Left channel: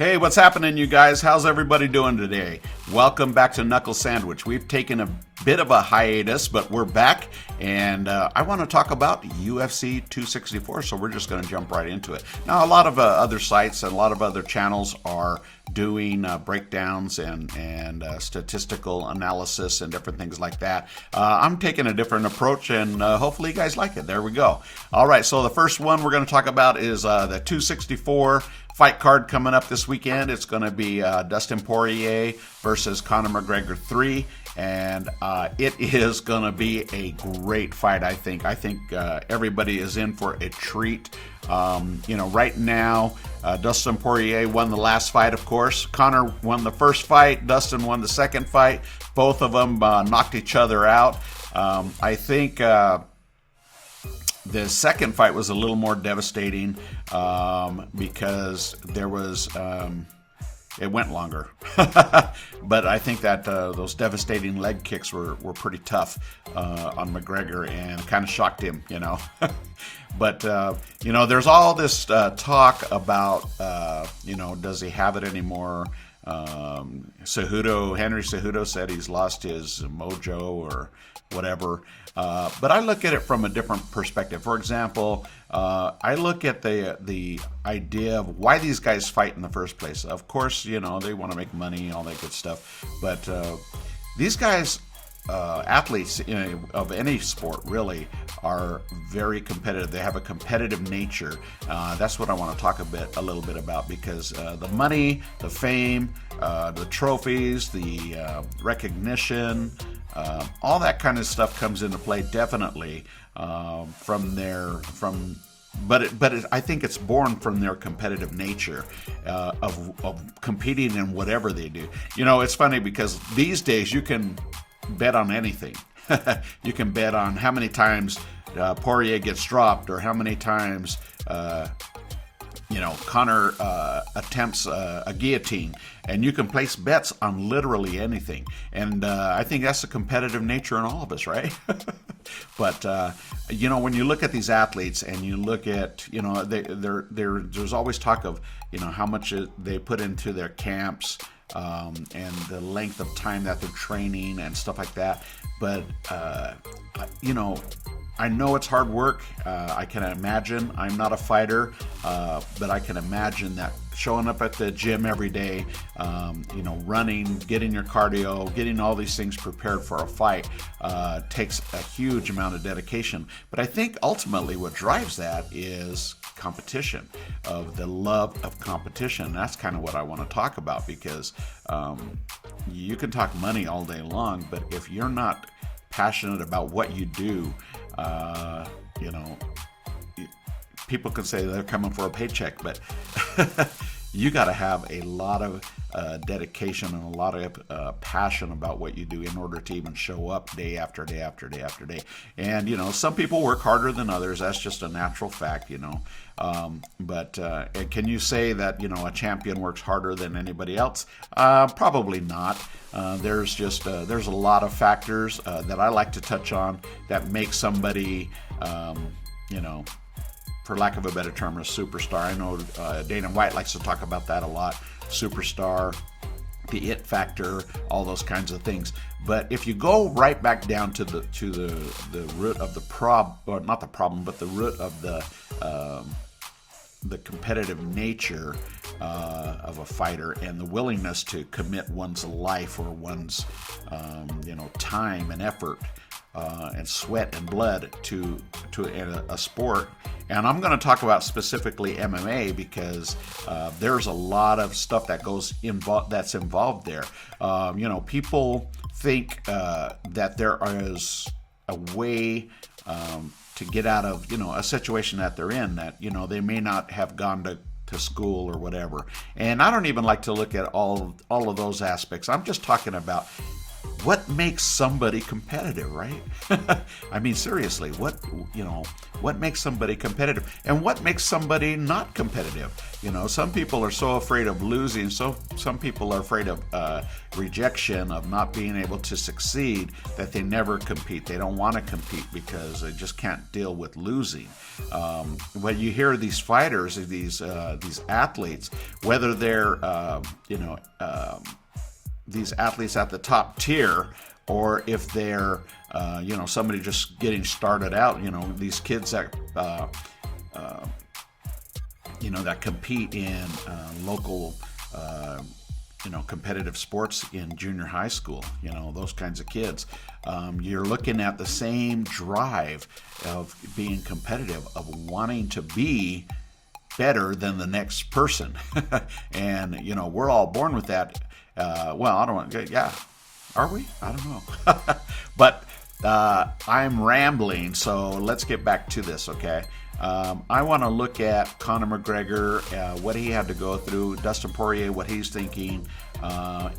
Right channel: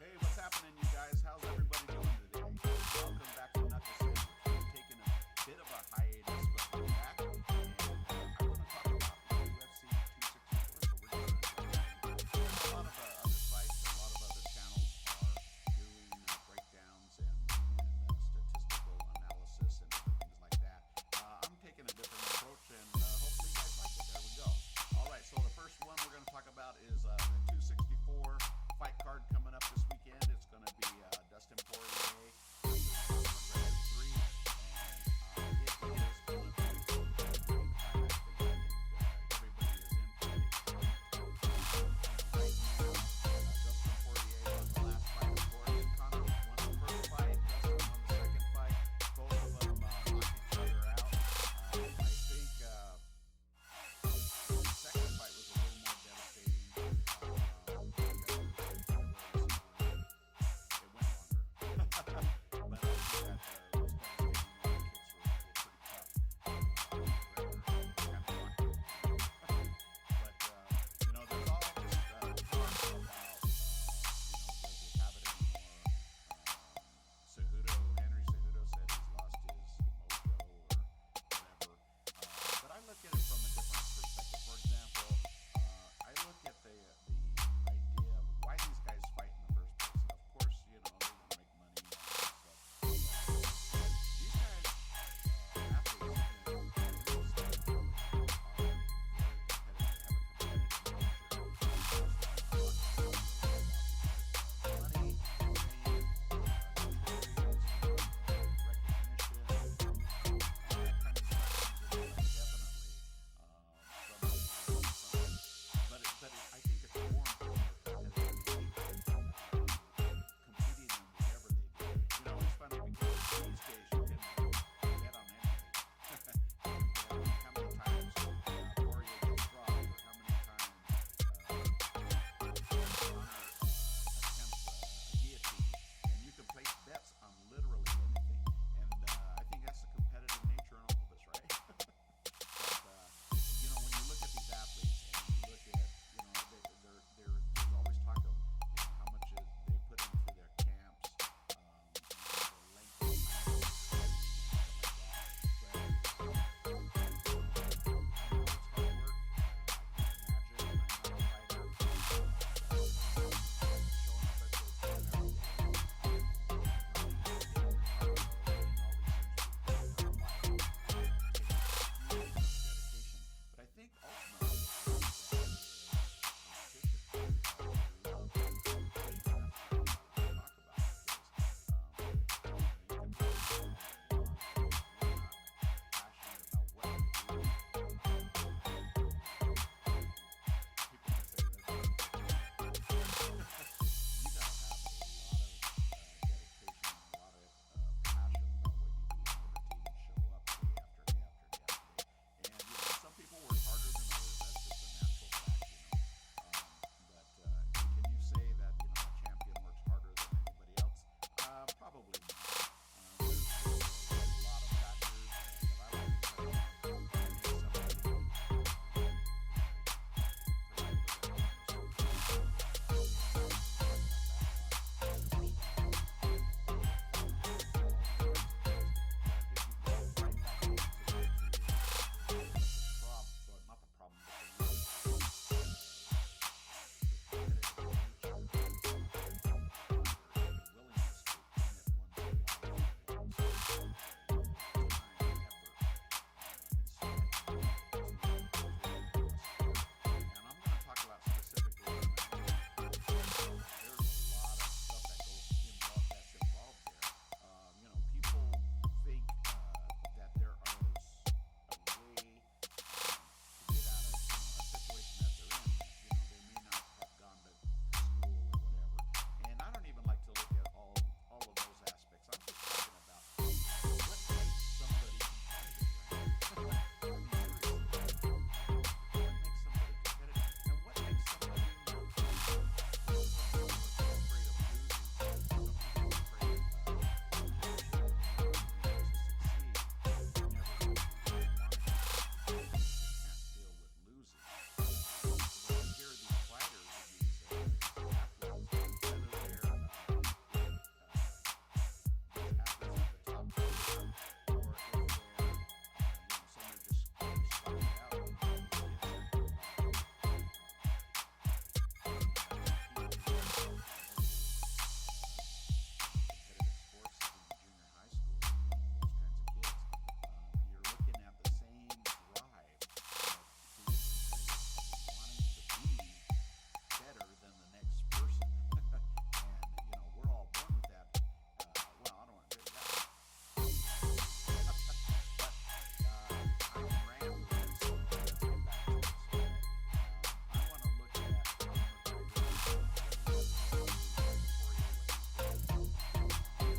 Hey, what's happening, you guys? How's everybody doing today? Welcome back to Knuckle Sandwich. We've taken a bit of a hiatus, but we're back, and I want to talk about UFC 264, so we're just going to jump right into it. Now, a lot of other sites and a lot of other channels are doing breakdowns and statistical analysis and different things like that. I'm taking a different approach, and hopefully you guys like it. There we go. All right, so the first one we're going to talk about is the 264 fight card coming up this weekend. It's going to be Dustin Poirier versus Conor McGregor 3, and it is going to be a great fight, I think. I think everybody is in for a treat. Right now, Dustin Poirier won the last fight, of course. Conor won the first fight. Dustin won the second fight. Both of them knocked each other out. I think the second fight was a little more devastating because there was it went longer. But I think that those devastating leg kicks were pretty tough on McGregor and kind of shocked him, But, there's all this talk about, does he have it anymore? Henry Cejudo said he's lost his mojo or whatever. But I look at it from a different perspective. For example, I look at the idea of why these guys fight in the first place. Of course, they want to make money, all that good stuff. But these guys, athletes of any sport really, are very competitive. They have a competitive nature. That's what I want to talk a little bit about, because the money, the fame, the trophies, the recognition, all that kind of stuff comes into play definitely but I think it's born from their competitive nature of competing in whatever they do. It's funny because these days you can bet on anything. You can bet on how many times Poirier gets dropped, or how many times Conor attempts a guillotine, and you can place bets on literally anything. And I think that's the competitive nature in all of us, right? But when you look at these athletes and you look at there's always talk of how much they put into their camps. And the length of time that they're training and stuff like that. But, I know it's hard work. I can imagine. I'm not a fighter, but I can imagine that showing up at the gym every day, running, getting your cardio, getting all these things prepared for a fight takes a huge amount of dedication. But I think ultimately what drives that is competition, of the love of competition. That's kind of what I want to talk about, because you can talk money all day long, but if you're not passionate about what you do, people can say they're coming for a paycheck, but you got to have a lot of dedication and a lot of passion about what you do in order to even show up day after day after day after day. And some people work harder than others. That's just a natural fact. But can you say that a champion works harder than anybody else? Probably not. There's a lot of factors that I like to touch on that make somebody for lack of a better term, a superstar. I know Dana White likes to talk about that a lot. Superstar, the it factor, all those kinds of things. But if you go right back down to the root of the problem, or not the problem, but the root of the competitive nature of a fighter, and the willingness to commit one's life or one's time and effort and sweat and blood to a sport. And I'm going to talk about specifically MMA, because there's a lot of stuff that's involved there. People think that there is a way to get out of a situation that they're in, that they may not have gone to school or whatever. And I don't even like to look at all of those aspects. I'm just talking about what makes somebody competitive, right? I mean, seriously, what makes somebody competitive, and what makes somebody not competitive? Some people are so afraid of losing, so some people are afraid of rejection, of not being able to succeed, that they never compete. They don't want to compete because they just can't deal with losing. When you hear these fighters, these athletes, whether they're these athletes at the top tier, or if they're somebody just getting started out, these kids that that compete in local competitive sports in junior high school, those kinds of kids. You're looking at the same drive of being competitive, of wanting to be better than the next person. And we're all born with that. Well, I don't want. Yeah, are we? I don't know. But I'm rambling, so let's get back to this, okay? I want to look at Conor McGregor, what he had to go through, Dustin Poirier, what he's thinking,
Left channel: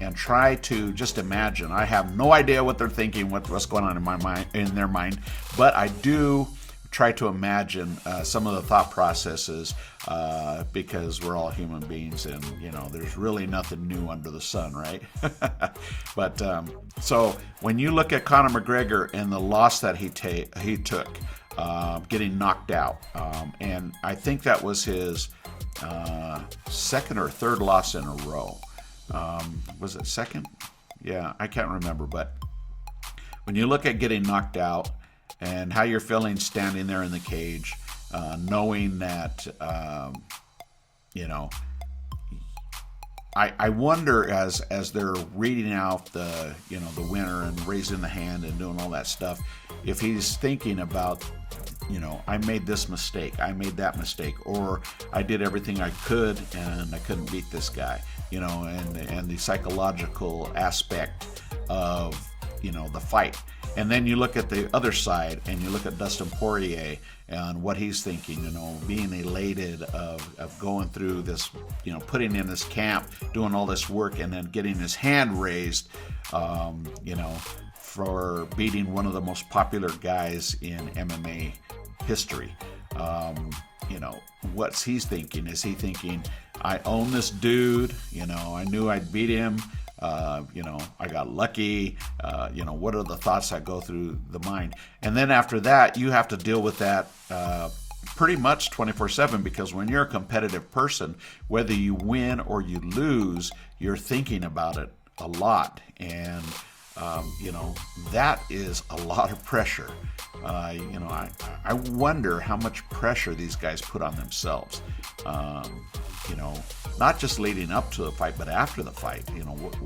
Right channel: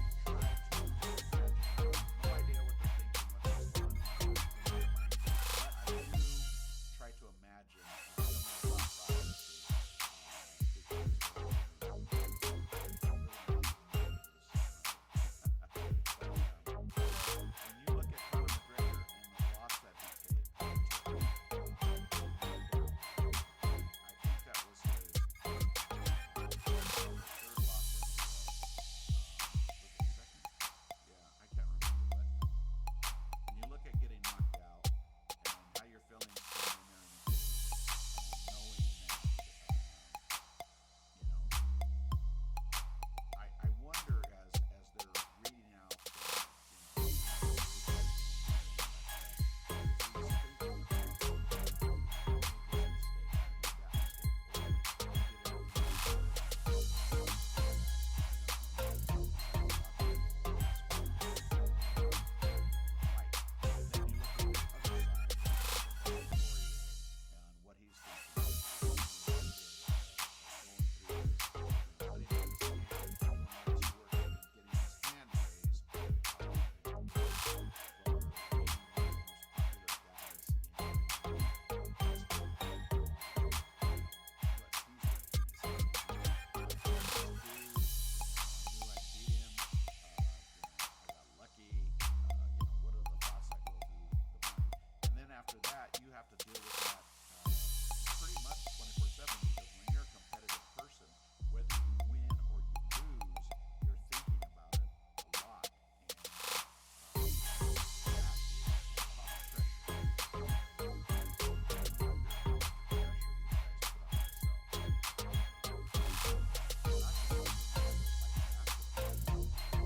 and try to just imagine. I have no idea what they're thinking, what's going on in their mind, but I do try to imagine some of the thought processes, because we're all human beings, and there's really nothing new under the sun, right? But so when you look at Conor McGregor and the loss that he took, getting knocked out, and I think that was his second or third loss in a row. Was it second? Yeah, I can't remember. But when you look at getting knocked out and how you're feeling standing there in the cage, knowing that, I wonder as they're reading out the winner and raising the hand and doing all that stuff, if he's thinking about, I made this mistake, I made that mistake, or I did everything I could and I couldn't beat this guy, and the psychological aspect of the fight. And then you look at the other side and you look at Dustin Poirier and what he's thinking, being elated of going through this, putting in this camp, doing all this work, and then getting his hand raised, for beating one of the most popular guys in MMA history. What's he's thinking? Is he thinking, I own this dude, I knew I'd beat him, I got lucky, what are the thoughts that go through the mind? And then after that, you have to deal with that pretty much 24/7, because when you're a competitive person, whether you win or you lose, you're thinking about it a lot. And that is a lot of pressure. I wonder how much pressure these guys put on themselves. Not just leading up to the fight, but after the fight.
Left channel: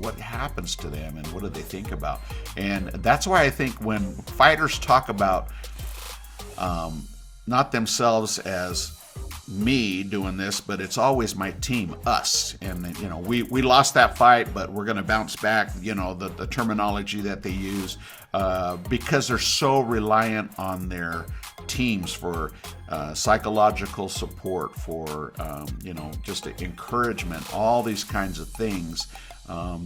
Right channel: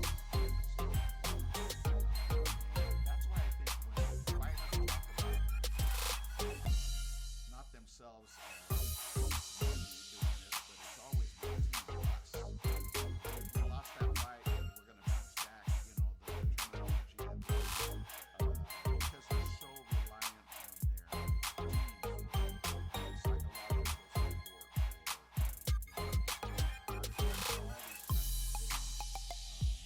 What happens to them and what do they think about? And that's why I think when fighters talk about not themselves as me doing this, but it's always my team, us, and we lost that fight, but we're going to bounce back, the terminology that they use, because they're so reliant on their teams for psychological support, for just encouragement, all these kinds of things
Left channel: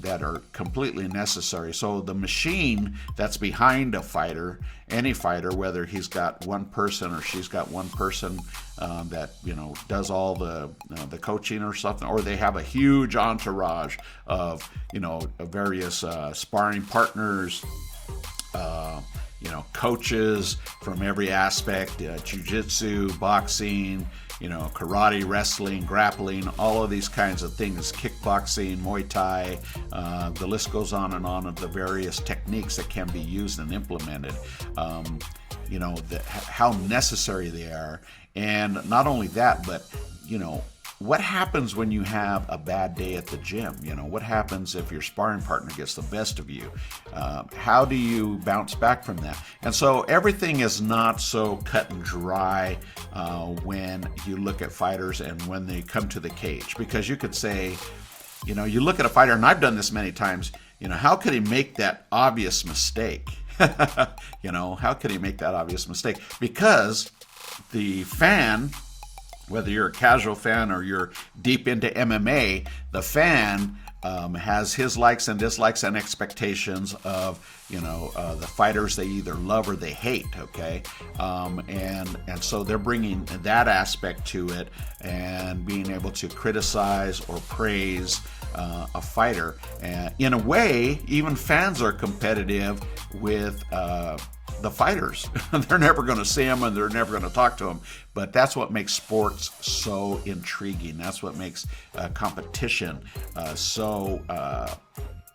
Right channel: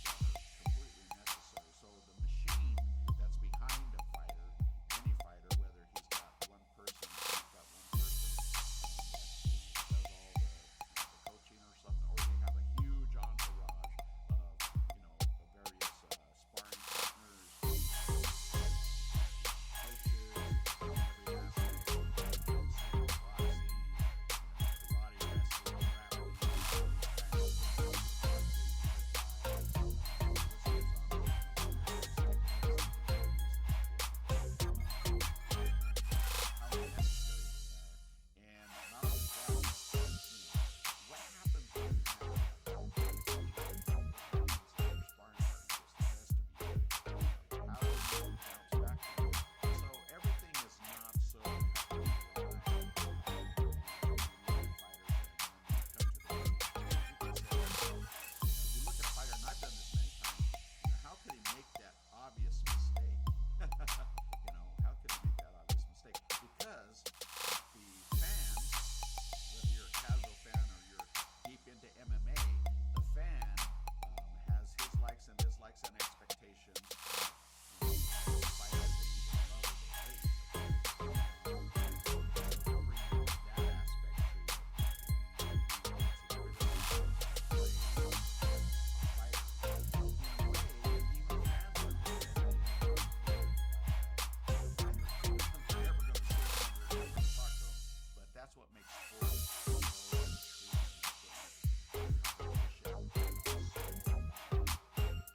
that are completely necessary. So the machine that's behind a fighter, any fighter, whether he's got one person or she's got one person that does all the coaching or something, or they have a huge entourage of various sparring partners, coaches from every aspect, jiu-jitsu, boxing, karate, wrestling, grappling, all of these kinds of things, kickboxing, Muay Thai, the list goes on and on of the various techniques that can be used and implemented, how necessary they are. And not only that, but, what happens when you have a bad day at the gym? What happens if your sparring partner gets the best of you? How do you bounce back from that? And so everything is not so cut and dry when you look at fighters and when they come to the cage. Because you could say, you look at a fighter, and I've done this many times, how could he make that obvious mistake? How could he make that obvious mistake? Because the fan, whether you're a casual fan or you're deep into MMA, the fan has his likes and dislikes and expectations of the fighters they either love or they hate. Okay, and so they're bringing that aspect to it and being able to criticize or praise a fighter. And in a way, even fans are competitive with the fighters. They're never going to see them and they're never going to talk to them. But that's what makes sports so intriguing. That's what makes competition so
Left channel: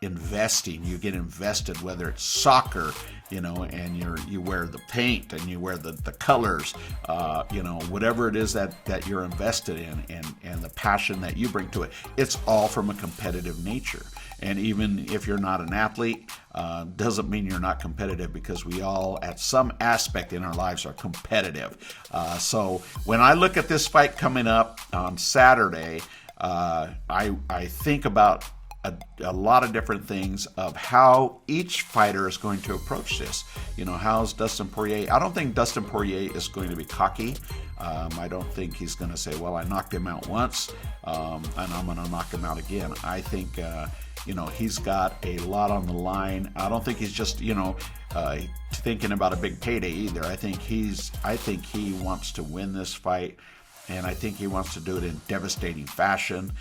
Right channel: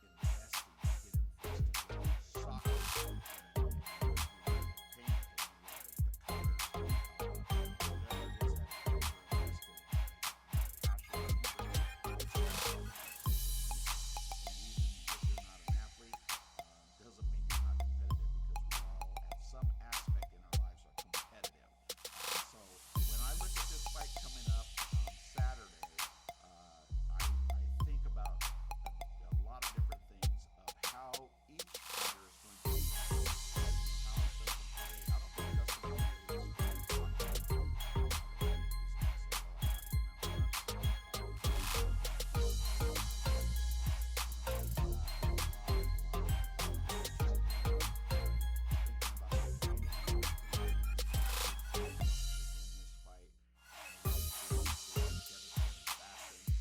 investing. You get invested, whether it's soccer, and you wear the paint and you wear the colors, whatever it is that you're invested in, and the passion that you bring to it. It's all from a competitive nature. And even if you're not an athlete, doesn't mean you're not competitive, because we all, at some aspect in our lives, are competitive. So when I look at this fight coming up on Saturday, I think about a lot of different things of how each fighter is going to approach this. How's Dustin Poirier? I don't think Dustin Poirier is going to be cocky. I don't think he's going to say, well, I knocked him out once, and I'm going to knock him out again. I think, he's got a lot on the line. I don't think he's just, thinking about a big payday either. I think he wants to win this fight. And I think he wants to do it in devastating fashion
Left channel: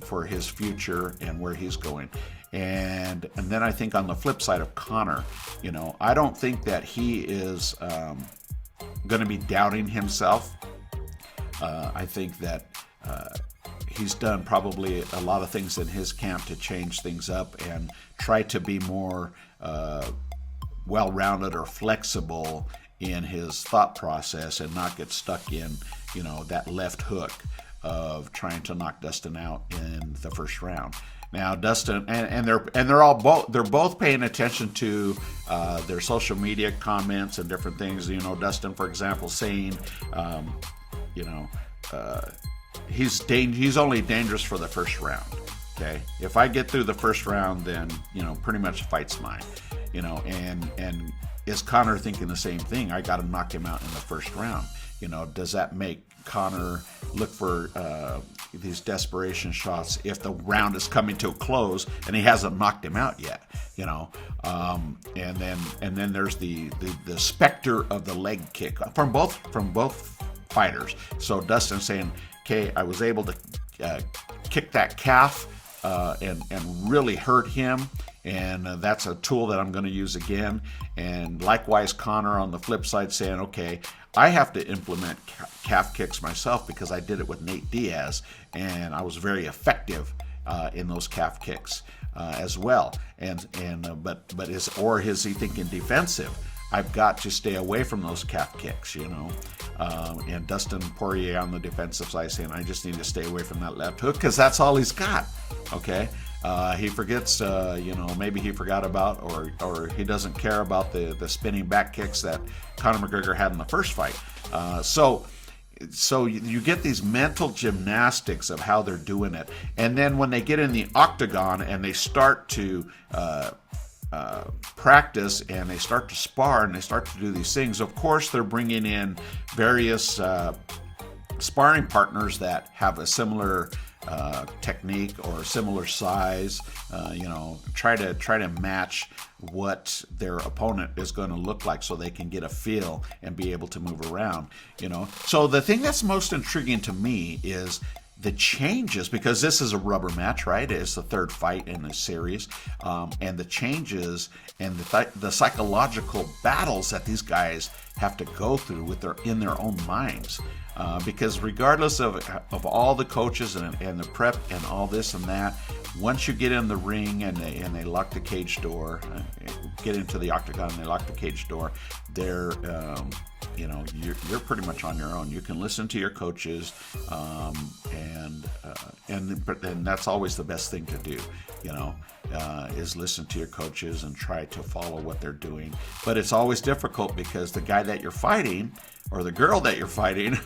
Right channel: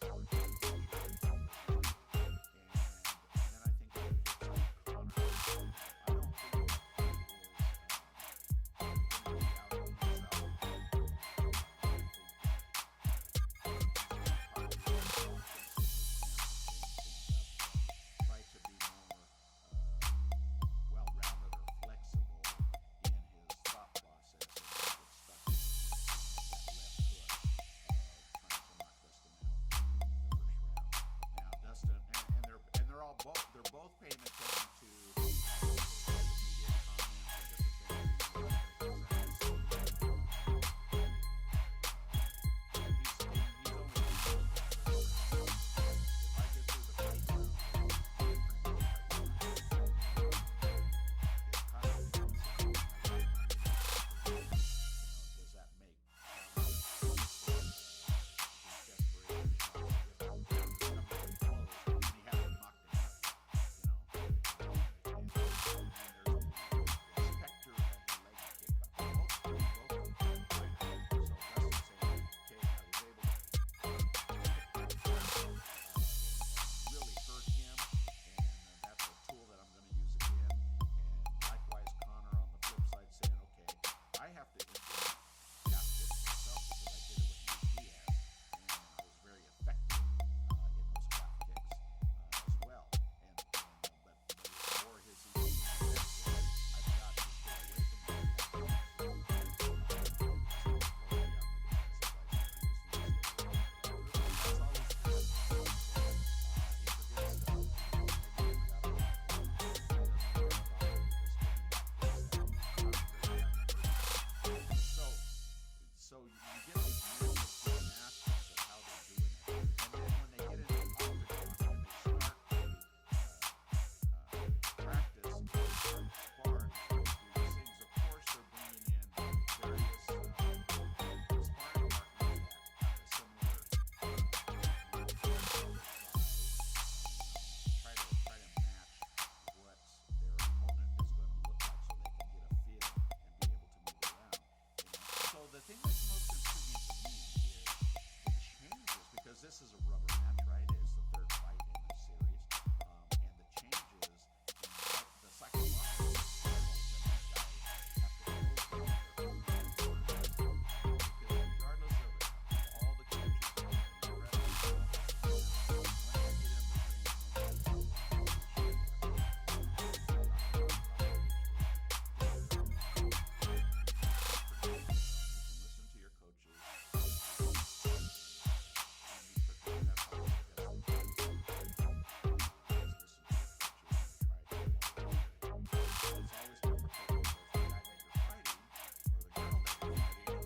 for his future and where he's going. And then I think on the flip side of Conor, I don't think that he is going to be doubting himself. I think that he's done probably a lot of things in his camp to change things up and try to be more well-rounded or flexible in his thought process and not get stuck in that left hook of trying to knock Dustin out in the first round. Now Dustin and they're both paying attention to their social media comments and different things. Dustin, for example, saying he's only dangerous for the first round. Okay, if I get through the first round, then pretty much the fight's mine. And is Conor thinking the same thing? I got to knock him out in the first round. Does that make Conor look for these desperation shots if the round is coming to a close and he hasn't knocked him out yet? And then there's the specter of the leg kick from both fighters. So Dustin saying, "Okay, I was able to kick that calf and really hurt him." And that's a tool that I'm going to use again. And likewise, Conor on the flip side saying, okay, I have to implement calf kicks myself because I did it with Nate Diaz, and I was very effective in those calf kicks as well. But is he thinking defensive? I've got to stay away from those calf kicks, and Dustin Poirier on the defensive side saying, I just need to stay away from that left hook because that's all he's got. Okay. He forgets, maybe he forgot about or he doesn't care about the spinning back kicks that Conor McGregor had in the first fight. So you get these mental gymnastics of how they're doing it. And then when they get in the octagon and they start to practice and they start to spar and they start to do these things, of course they're bringing in various sparring partners that have a similar technique or similar size, try to match what their opponent is going to look like so they can get a feel and be able to move around, So the thing that's most intriguing to me is the changes, because this is a rubber match, right? It's the third fight in this series, and the changes and the psychological battles that these guys have to go through in their own minds, because regardless of all the coaches and the prep and all this and that, once you get in the ring and they lock the cage door, get into the octagon and they lock the cage door, they're you're pretty much on your own. You can listen to your coaches, and that's always the best thing to do, is listen to your coaches and try to follow what they're doing. But it's always difficult because the guy that you're fighting or the girl that you're fighting,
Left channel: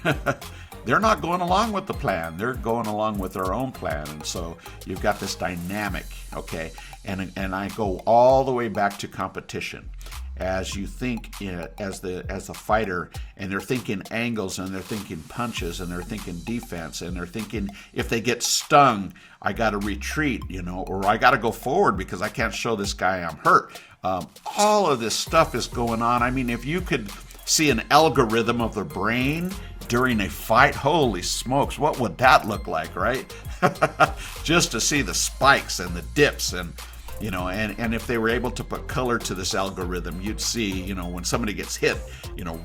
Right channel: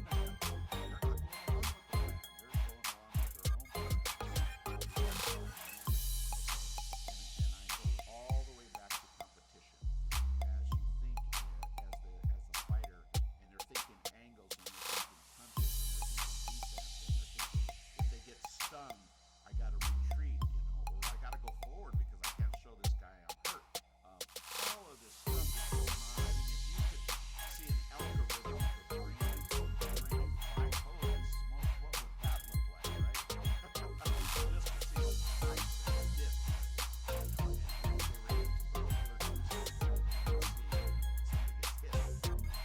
they're not going along with the plan. They're going along with their own plan. And so you've got this dynamic, okay? And I go all the way back to competition. As you think, as the fighter and they're thinking angles, and they're thinking punches, and they're thinking defense, and they're thinking if they get stung, I got to retreat, or I got to go forward because I can't show this guy I'm hurt. All of this stuff is going on. I mean, if you could see an algorithm of the brain during a fight, holy smokes, what would that look like, right? Just to see the spikes and the dips and if they were able to put color to this algorithm, you'd see, when somebody gets hit,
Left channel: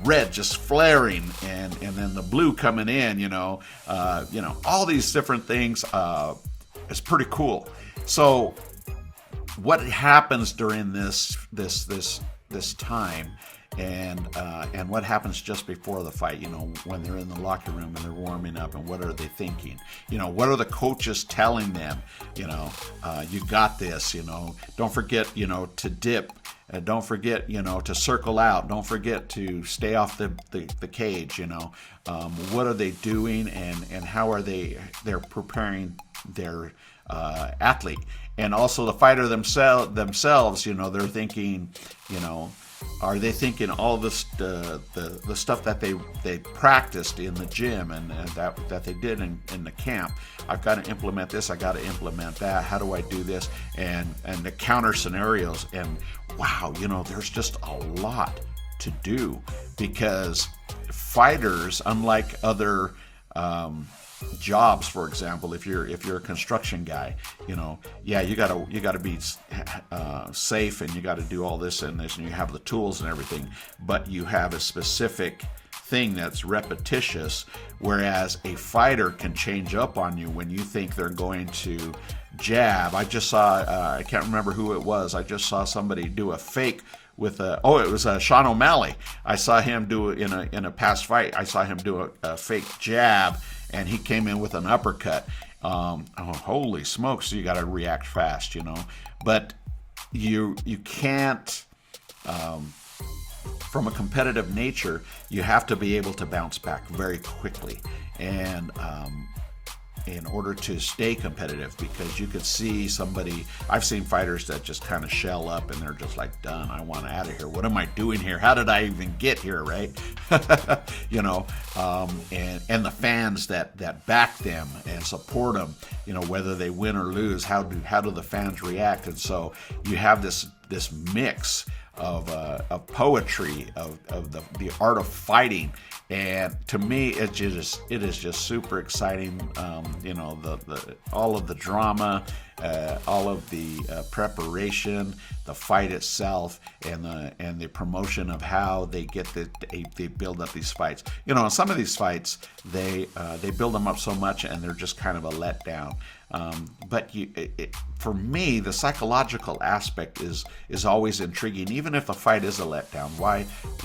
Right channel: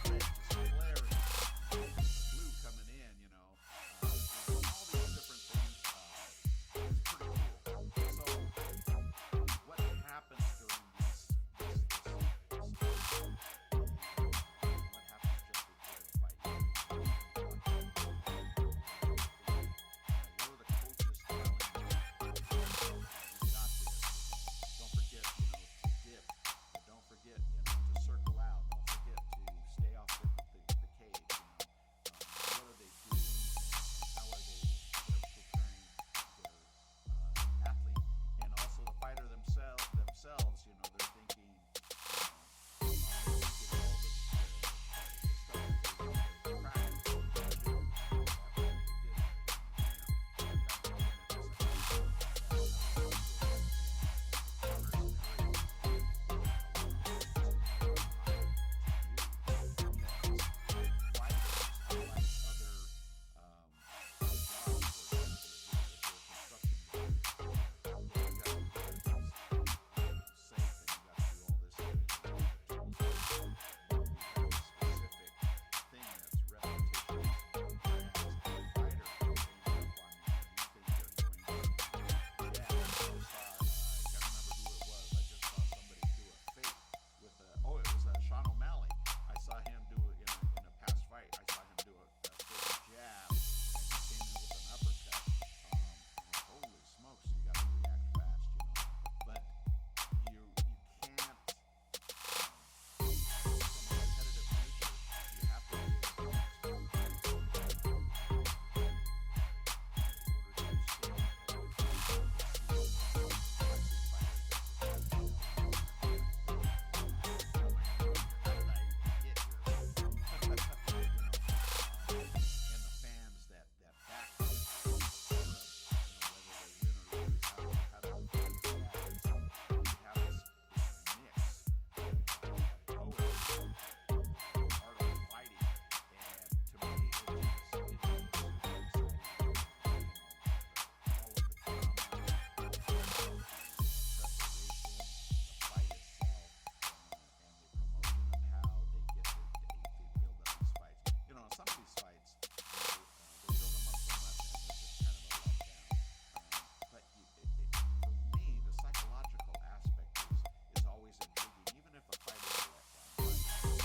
red just flaring and then the blue coming in, all these different things. It's pretty cool. So what happens during this time and what happens just before the fight, when they're in the locker room and they're warming up, and what are they thinking? What are the coaches telling them? You got this, don't forget, to dip. Don't forget, to circle out. Don't forget to stay off the cage, what are they doing and how are they're preparing their athlete? And also the fighter themselves, they're thinking, are they thinking all this the stuff that they practiced in the gym and that they did in the camp? I've got to implement this. I got to implement that. How do I do this? And the counter scenarios. And wow, there's just a lot to do, because fighters, unlike other jobs, for example, if you're a construction guy, you gotta be safe, and you got to do all this and this, and you have the tools and everything, but you have a specific thing that's repetitious, whereas a fighter can change up on you when you think they're going to jab. I just saw I can't remember who it was. I just saw somebody do a fake with it was Sean O'Malley. I saw him do it in a past fight. I saw him do a fake jab, and he came in with an uppercut. Holy smokes, you got to react fast, But you can't, from a competitive nature, you have to be able to bounce back very quickly. And in order to stay competitive, because you could see somebody, I've seen fighters that just kind of shell up and they're just like, done, I want out of here. What am I doing here? How did I even get here, right? And the fans that back them and support them, whether they win or lose, how do the fans react? And so you have this mix of poetry, of the art of fighting. And to me, it is just super exciting. All of the drama, all of the preparation, the fight itself, and the promotion of how they they build up these fights. Some of these fights they build them up so much, and they're just kind of a letdown. But for me, the psychological aspect is always intriguing. Even if the fight is a letdown,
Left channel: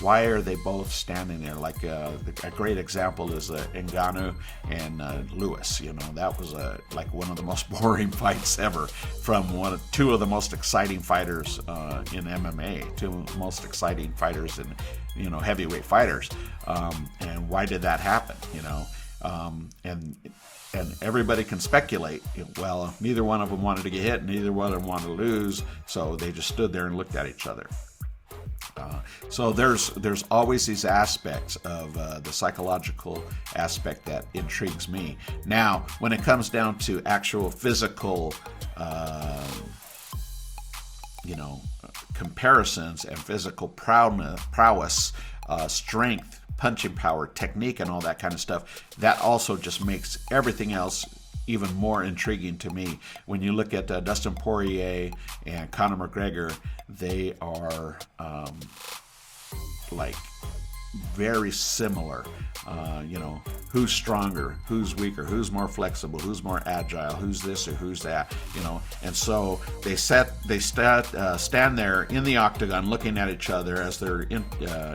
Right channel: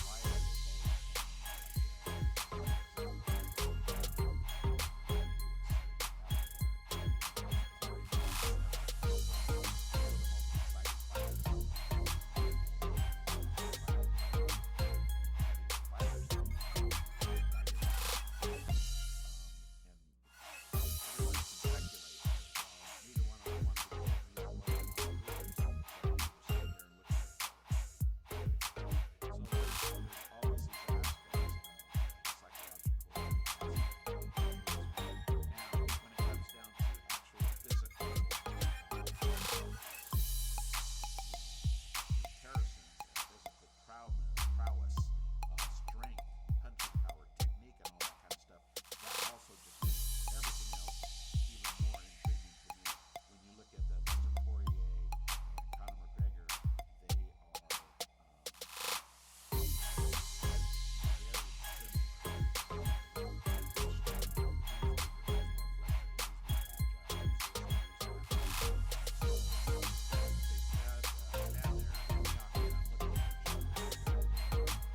why are they both standing there? Like a great example is Ngannou and Lewis. That was like one of the most boring fights ever from two of the most exciting fighters in MMA, two of the most exciting fighters in heavyweight fighters. And why did that happen? And everybody can speculate. Well, neither one of them wanted to get hit, neither one of them wanted to lose, so they just stood there and looked at each other. So there's always these aspects of the psychological aspect that intrigues me. Now, when it comes down to actual physical, comparisons and physical prowess, strength, punching power, technique, and all that kind of stuff, that also just makes everything else even more intriguing to me. When you look at Dustin Poirier and Conor McGregor, they are like very similar. Who's stronger, who's weaker, who's more flexible, who's more agile, who's this or who's that, and so they stand there in the octagon looking at each other as they're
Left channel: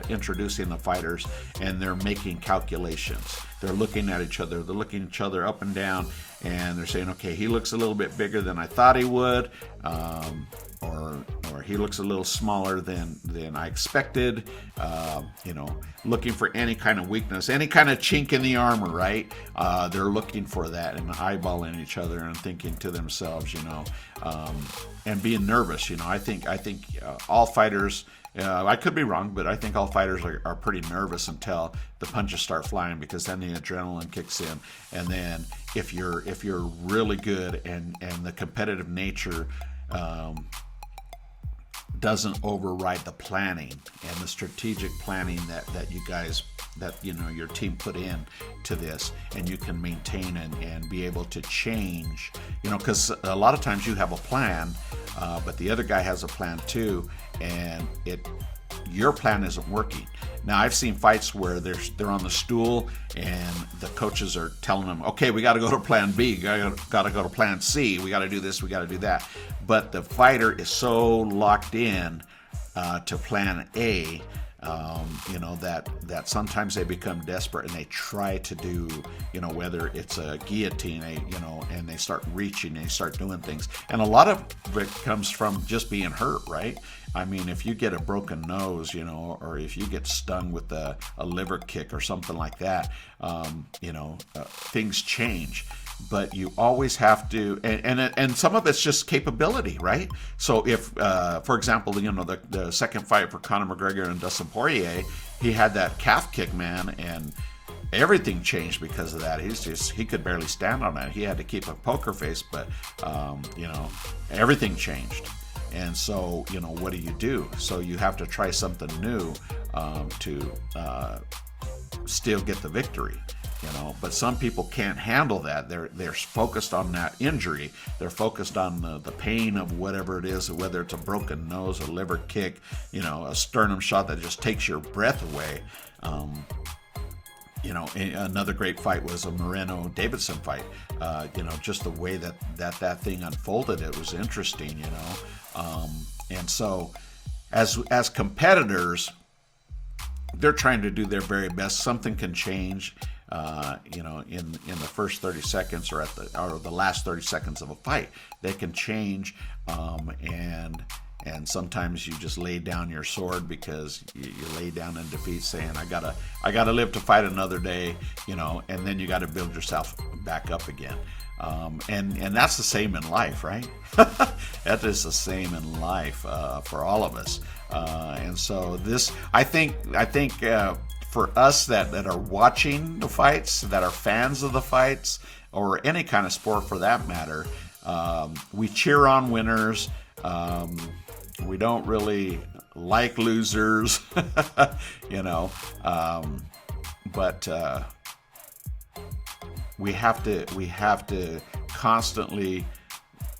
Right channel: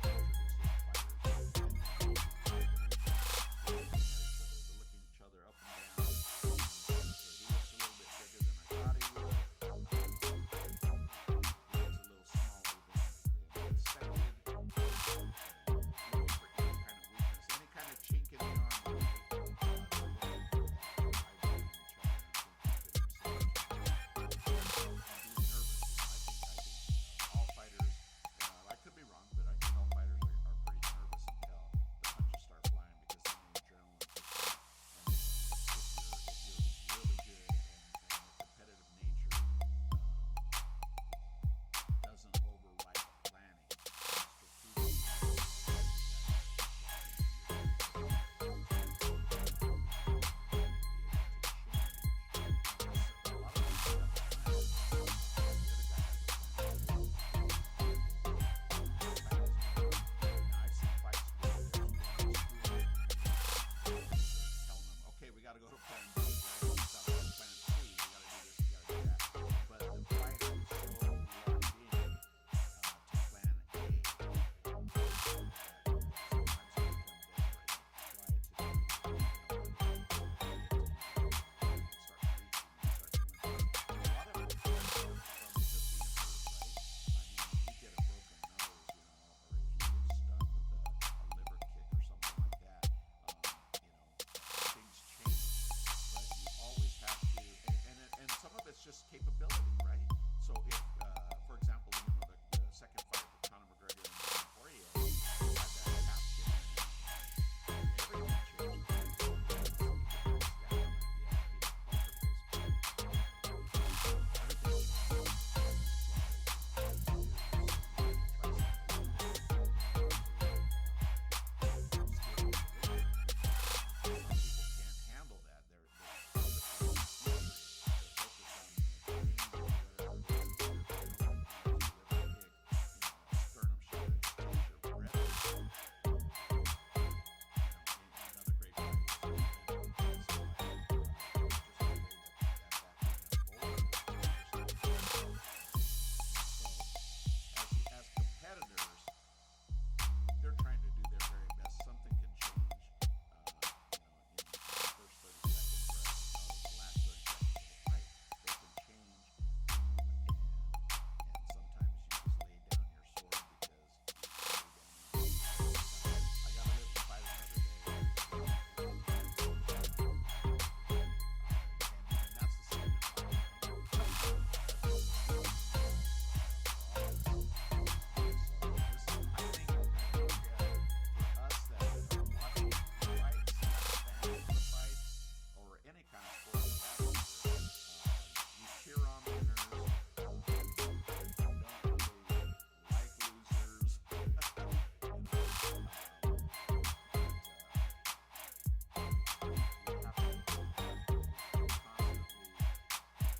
introducing the fighters, and they're making calculations. They're looking at each other, they're looking each other up and down, and they're saying, okay, he looks a little bit bigger than I thought he would, or he looks a little smaller than I expected, looking for any kind of weakness, any kind of chink in the armor, right? They're looking for that and eyeballing each other and thinking to themselves, and being nervous. I think all fighters, I could be wrong, but I think all fighters are pretty nervous until the punches start flying, because then the adrenaline kicks in. And then if you're really good and the competitive nature doesn't override the planning and the strategic planning that you guys, that your team put in to this, and you can maintain and be able to change, because a lot of times you have a plan, but the other guy has a plan too, and your plan isn't working. Now, I've seen fights where they're on the stool and the coaches are telling them, okay, we got to go to plan B, got to go to plan C, we got to do this, we got to do that. But the fighter is so locked in to plan A, that sometimes they become desperate and they try to do, whether it's a guillotine, and they start reaching and they start doing things. And a lot of it comes from just being hurt, right? I mean, if you get a broken nose, or if you get stung with a liver kick or something like that, things change. But you always have to, and some of it's just capability, right? So if, for example, the second fight for Conor McGregor and Dustin Poirier, he had that calf kick, man, and everything changed because of that. He could barely stand on that. He had to keep a poker face, but everything changed. And so, what do? So you have to try something new to still get the victory. But some people can't handle that. They're focused on that injury. They're focused on the pain of whatever it is, whether it's a broken nose, a liver kick, a sternum shot that just takes your breath away. Another great fight was a Moreno-Davidson fight. Just the way that thing unfolded, it was interesting. And so, as competitors, they're trying to do their very best. Something can change, in the first 30 seconds or the last 30 seconds of a fight. They can change, and sometimes you just lay down your sword because you lay down in defeat, saying, I gotta live to fight another day, and then you got to build yourself back up again. And that's the same in life, right? That is the same in life for all of us. And so this, I think for us that are watching the fights, that are fans of the fights, or any kind of sport for that matter, we cheer on winners. We don't really like losers, but we have to constantly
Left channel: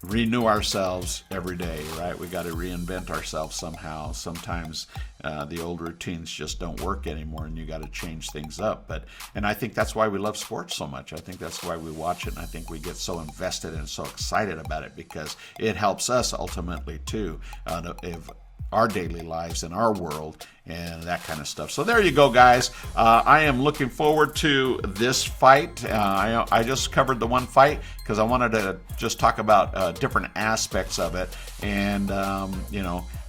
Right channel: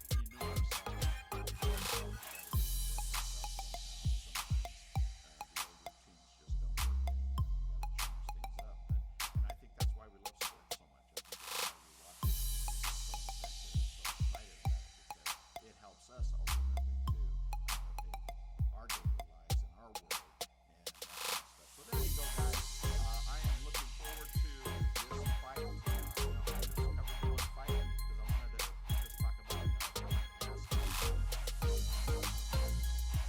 renew ourselves every day, right? We got to reinvent ourselves somehow. Sometimes the old routines just don't work anymore, and you got to change things up. And I think that's why we love sports so much. I think that's why we watch it, and I think we get so invested and so excited about it, because it helps us ultimately too, of our daily lives and our world and that kind of stuff. So there you go, guys. I am looking forward to this fight. I just covered the one fight because I wanted to just talk about different aspects of it. And,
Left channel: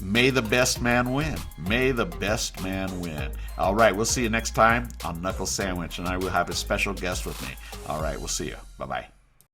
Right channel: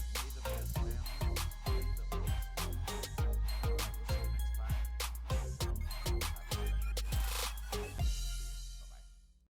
may the best man win. May the best man win. All right, we'll see you next time on Knuckle Sandwich, and I will have a special guest with me. All right, we'll see you. Bye-bye.